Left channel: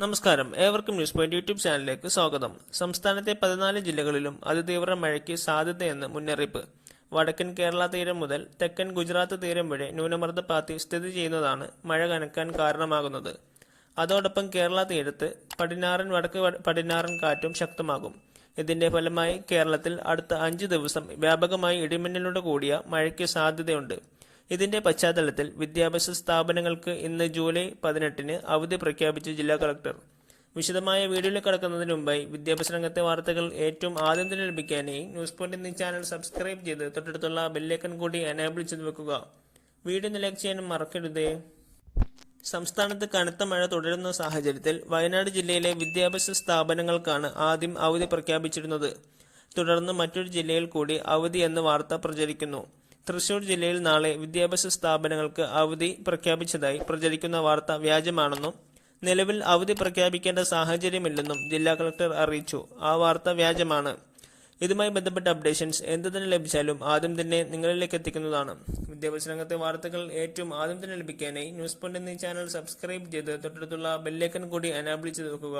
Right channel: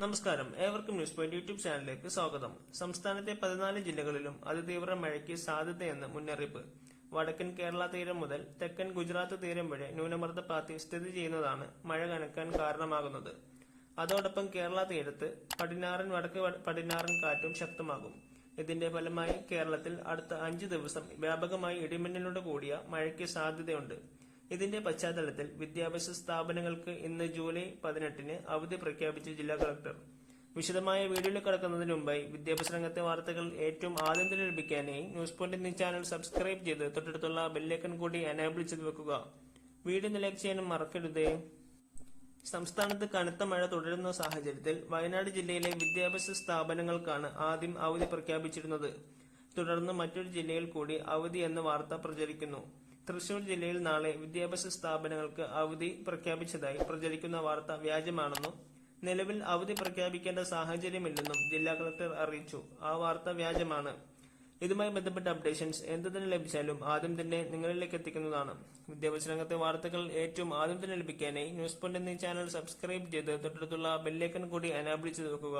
നമസ്കാരം. ഏവർക്കും news point YouTube ചാനലിലേക്ക് സ്വാഗതം. സംസ്ഥാനത്തെ പതിനാല് ജില്ലകളിലും അതിതീവ്ര മഴയ്ക്ക് സാധ്യതയെന്ന് മുന്നറിയിപ്പ്. വടക്കൻ കേരള തീരം മുതൽ തെക്കൻ ഗുജറാത്ത് തീരം വരെ ന്യൂനമർദ്ദ പാത്തി സ്ഥിതി ചെയ്യുന്നതാണ് മഴ കനക്കാൻ കാരണമാകുന്നത്. അതോടൊപ്പം കേരള തീരത്ത് പടിഞ്ഞാറൻ വടക്ക് പടിഞ്ഞാറൻ കാറ്റും ശക്തമാകും. ഇതിന്റെ ഫലമായി കേരളത്തിൽ അടുത്ത അഞ്ച് ദിവസം വ്യാപകമായി ഇടിമിന്നലോട് കൂടിയ മഴയ്ക്ക് സാധ്യതയുണ്ട്. ഇതിന്റെ പശ്ചാത്തലത്തിൽ വിദ്യാഭ്യാസ സ്ഥാപനങ്ങൾക്ക് ഇന്ന് ജൂലൈ പതിനെട്ടിന് അവധി പ്രഖ്യാപിച്ചു ജില്ലാ കളക്ടർ. വിശദമായ വീഡിയോയിൽ കടക്കുന്നതിന് മുമ്പായി വിദ്യാഭ്യാസ രംഗത്തെ വാർത്തകൾ ഏറ്റവും ആദ്യം തന്നെ ലഭിക്കാനായി ന്യൂസ് പോയിന്റ് എന്നീ ചാനൽ സബ്സ്ക്രൈബ് ചെയ്ത് തൊട്ടടുത്തുള്ള ബെല്ലേക്കൻ കൂടി എനേബിൾ ചെയ്ത് വെക്കുക. വീഡിയോ ലൈക്ക് ചെയ്യാനും മറക്കരുതേ. സംസ്ഥാനത്ത് കനത്ത മഴ തുടരുന്ന സാഹചര്യത്തിൽ വയനാട് ജില്ലയിലെ വിദ്യാഭ്യാസ സ്ഥാപനങ്ങൾക്കാണ് ആദ്യം അവധി പ്രഖ്യാപിച്ചിരുന്നത്. തുടർന്ന് മറ്റൊരു ജില്ലയിൽ കൂടി അവധി എന്ന വാർത്ത പ്രചരിക്കുന്നു. തൃശൂർ ജില്ലയിൽ നാളെ വിദ്യാഭ്യാസ സ്ഥാപനങ്ങൾക്ക് അവധി പ്രഖ്യാപിച്ചതായി പ്രചരിക്കുന്ന വാർത്ത വ്യാജമാണെന്നും നിലവിൽ അവധി പ്രഖ്യാപിക്കേണ്ട സാഹചര്യമില്ലെന്നും ജില്ലാ കളക്ടർ അറിയിച്ചു. ആ വാർത്ത വ്യാജമാണ്. ഇതുമായി ബന്ധപ്പെട്ട അപ്ഡേഷൻസ് എന്ത് തന്നെ ലഭിച്ചാലും ആദ്യം തന്നെ നിങ്ങളിലേക്ക് എത്തിക്കുന്നതാണ്. വിദ്യാഭ്യാസ രംഗത്തെ വാർത്തകൾ ഏറ്റവും ആദ്യം തന്നെ ലഭിക്കാനായി ന്യൂസ് പോയിന്റ് എന്നീ ചാനൽ സബ്സ്ക്രൈബ് ചെയ്ത് തൊട്ടടുത്തുള്ള ബെല്ലേക്കൻ കൂടി എനാബിൾ ചെയ്ത് വെക്കുക.